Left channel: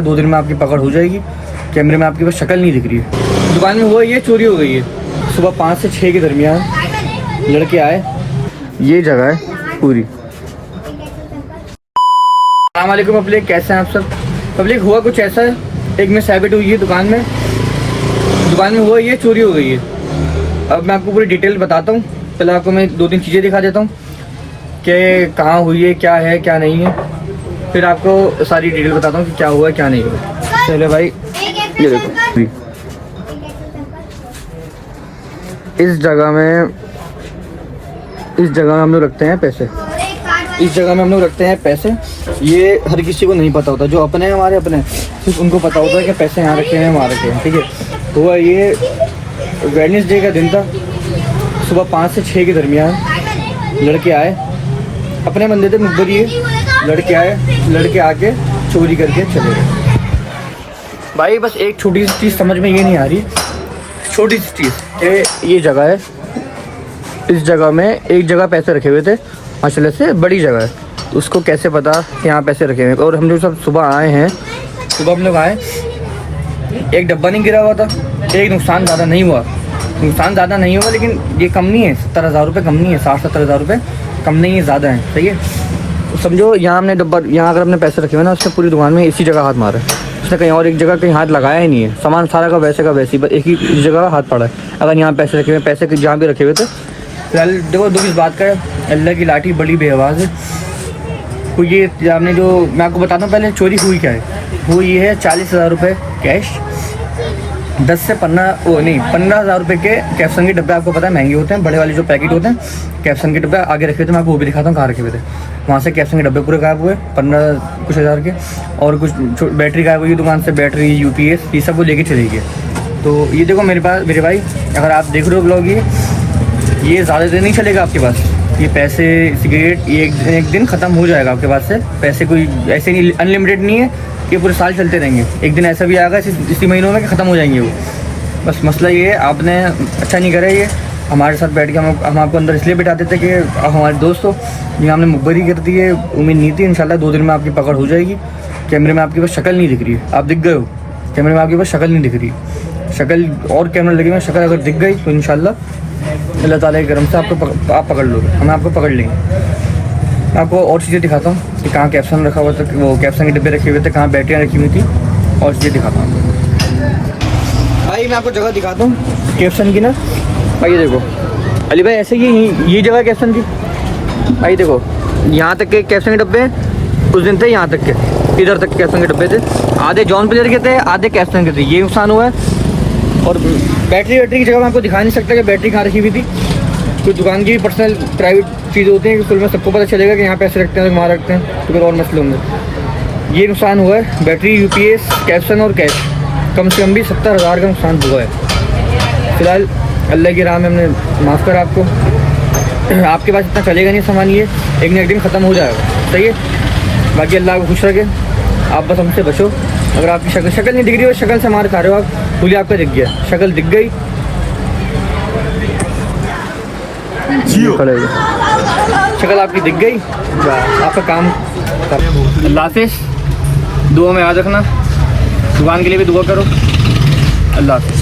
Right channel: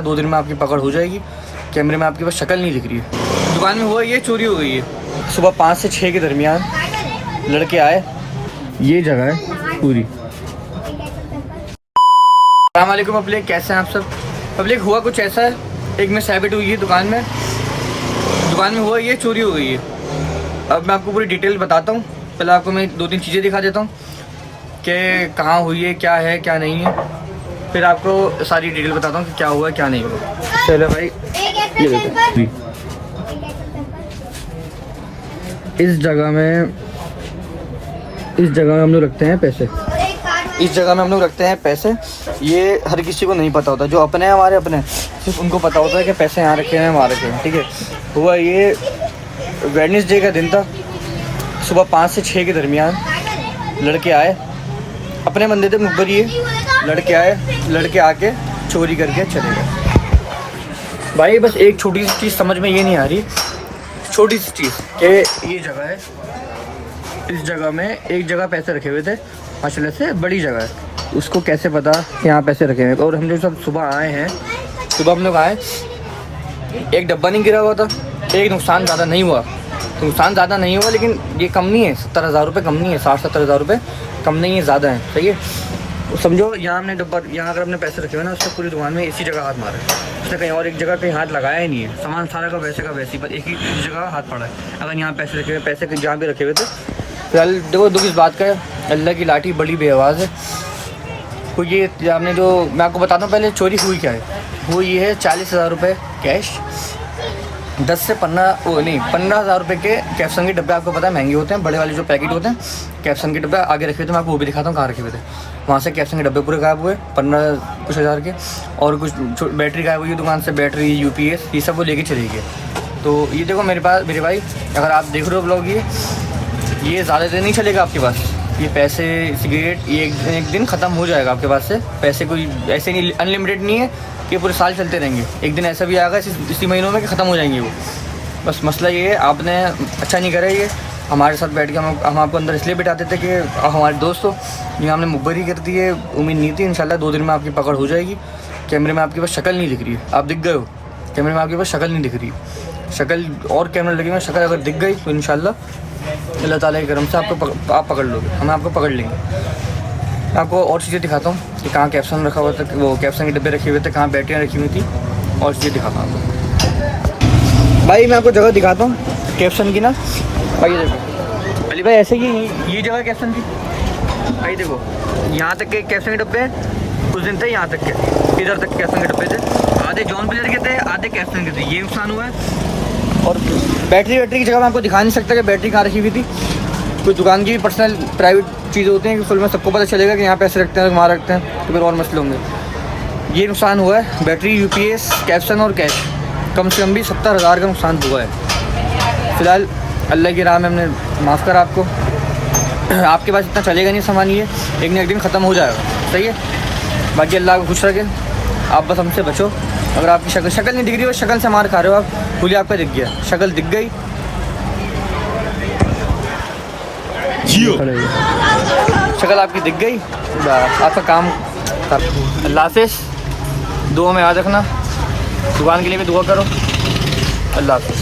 2 दिन में आपकी पकड़ हो जाएगी। कैमरे में आपकी बस शक्ल नहीं दिख रही है। दुकान में हुआ ये चोरी हो गई है। सुबह 5 से 6 के दरमियान लड़के आए। ये जगह है पूरी। अस्सलाम वालेकुम पब्लिक, कैसे हैं आप सब। पब्लिक हुआ कुछ ऐसा है, एक मिस हैबिट हुई है दुकान में हुआ ये चोरी हो गई है। अब मैं आपको पूरी डिटेल बताता हूँ। पहले आपको मैं 2-3 चीज़ें दिखा देता हूँ कि कहाँ हुई है, क्या है क्या नहीं है, फिर आपको सारी डिटेल बताता हूँ कि क्या हुआ क्या नहीं हुआ। चलो भाई, ये देखो इस जगह में हम लोग रखते हैं पैसे। ये हर किसी को नहीं पता होता, जो अपने हैं हमारे अपने, सिर्फ उनको पता होता है कि पैसे यहाँ रखे हैं वहाँ रखे हैं। ठीक है, हुआ ये वेडनेसडे का दिन था। सुबह 5 से 6 के दरमियान लड़के आए, अपने बंदे थे मुखबर। ये लड़के आके चोरी करके चले गए। भाई बस एक छोटी सी चीज़ समझ में ये नहीं आ रही, छोटी सी चीज़ कि ये जगह है, इस जगह में एक जगह पैसे रखे हुए थे, माशाल्लाह से बड़ी जगह है। उसको कैसे पता कि यहाँ पैसे रखे हुए। और हम जो सब सुबह हम लोग आए, एक डब्बा नहीं गिरा हुआ था, एक नुकसान ज़्यादा नहीं हुआ, लेकिन ये कम नहीं है। 70,000 रुपये कम नहीं है, 60-70 हज़ार रुपये कम नहीं है, ज़्यादा है। सही है, तो समझो यहाँ हमने डब्बा, यहाँ अगर हमने पैसे रखे हुए ना, उसने पूरी दुकान में इसी जगह हाथ मारा है। उसने कहीं और एक जगह कहीं हाथ लगाया ही नहीं है। सामान सारा का वैसे बस एक ही जगह हाथ पड़ा है। अगर यहाँ पैसे रखे हुए, पैसे जहाँ भी रखे हुए थे। फिलहाल देखो, दुख इस बात का है, अल्लाह की लाठी बड़ी बेआवाज़ है। तो ये आपने जो, मैं आपको बताता हूँ पहले चोरी हुई क्या है। वो ये है 40,000 रुपये कैश, 10 से 15,000 रुपये के कैप्सन के डब्बे। आपको पता है महंगे होते हैं, बड़े वाले जो पैकेट होते हैं कैप्सन के डब्बे आगे रखे थे। मैं आपको वो भी दिखाता हूँ कहाँ रखे हुए थे। वहाँ से कैप्सन के डब्बे पूरे गायब हुए, 15 कुछ हज़ार के, और कुछ बैटरी गायब हुई दुकान से, बैटरी UPS ये सब वो लेके चली गई। तो ये देखो मेरे भाई, अगर आप देख रहे हो ब्लॉग, ये ज़्यादा देर नहीं चलेगा आपके पास। ये पैसे, सिगरेट, ये एक दिन ख़त्म हो जाएगा आपके पास से। पैसे कोई ऐसे नहीं, अनलिमिटेड नहीं है, ये पूरे साल चलते रहेंगे। एक दिन ऐसा भी आएगा इसी महीनों में कि ख़त्म हो जाएंगे वो। बस मसला ये है, आपने अच्छा नहीं करा। ये हमारे साथ बैठ के हम आपको अंदर इसलिए बिठाते थे कि हमारे दोस्त हो, ये हमने मुखबरी कर दी है। उम्मीद नहीं थी। इंशाल्लाह 2 दिन में आपकी पकड़ हो जाएगी। कैमरे में आपके पास शक्ल नहीं दिख रही है, आप दिख गए हो। कैमरे में आपके पास शक्ल नहीं दिख रही, शक्ल और कैमरा लगे हुए, शक्ल अगर दिख गई तो इंशाल्लाह अल्लाह ताला के करम से आप पकड़ लोगे, हम आपको पकड़ लेंगे। मैं आपको और चीज़ें दिखाता हूँ कि कहाँ कैप्सन रखा हुआ था, वो कैप्सन के डब्बे रखे हुए थे, कहाँ बैटरियाँ रखी हुई थी, और चीज़ें दिखाता हूँ आपको। भाई मैं आपको जगह दिखाता हूँ कैप्सन की ना। भाई देखो अली भाई, ऐसे कि ये जगह कैप्सन की। भाई देखो, यहाँ तक के कैप्सन के डब्बे उस दिन थे, यहाँ तक के, इधर तक कैप्सन के डब्बे थे। आधे जॉन प्लेयर के थे, आधे कैप्सन के थे। ये नुकसान हुआ है। बैटरी की जगह मैं आपको दिखा नहीं सकता कि बैटरी कहाँ रखी हुई थी। कोई दुकान की पर्सनल प्राइवेट चीज़ होती हैं कि फिर में सबको पता चलेगा कि यहाँ पैसे रखते हैं, वहाँ रखते हैं, तो फिर और मसले होंगे। ये नुकसान हुआ है, बैटरी, UPS, कैप्सन और कैश, कम से कम भी 70,000 का नुकसान हुआ है। फिलहाल अल्लाह की राह में हमने माफ़ करा आपको। आपके पास इतना चलेगा नहीं सामान, ये एक न एक दिन ख़त्म हो जाएगा। सही है, बाकी अल्लाह को खुश रखे। आप बस हमसे बचो। अगर आपकी शक्ल नहीं दिख रही हो, शक्ल से मार खा रहे हो आप, भूली आपका दिख गया, शक्ल दिख गई, शक्ल आपकी दिख गई, आपका काम। अल्लाह हाफ़िज़। दुआ में याद रखना, दुकान के लिए भी दुआ करो। अल्लाह हाफ़िज़।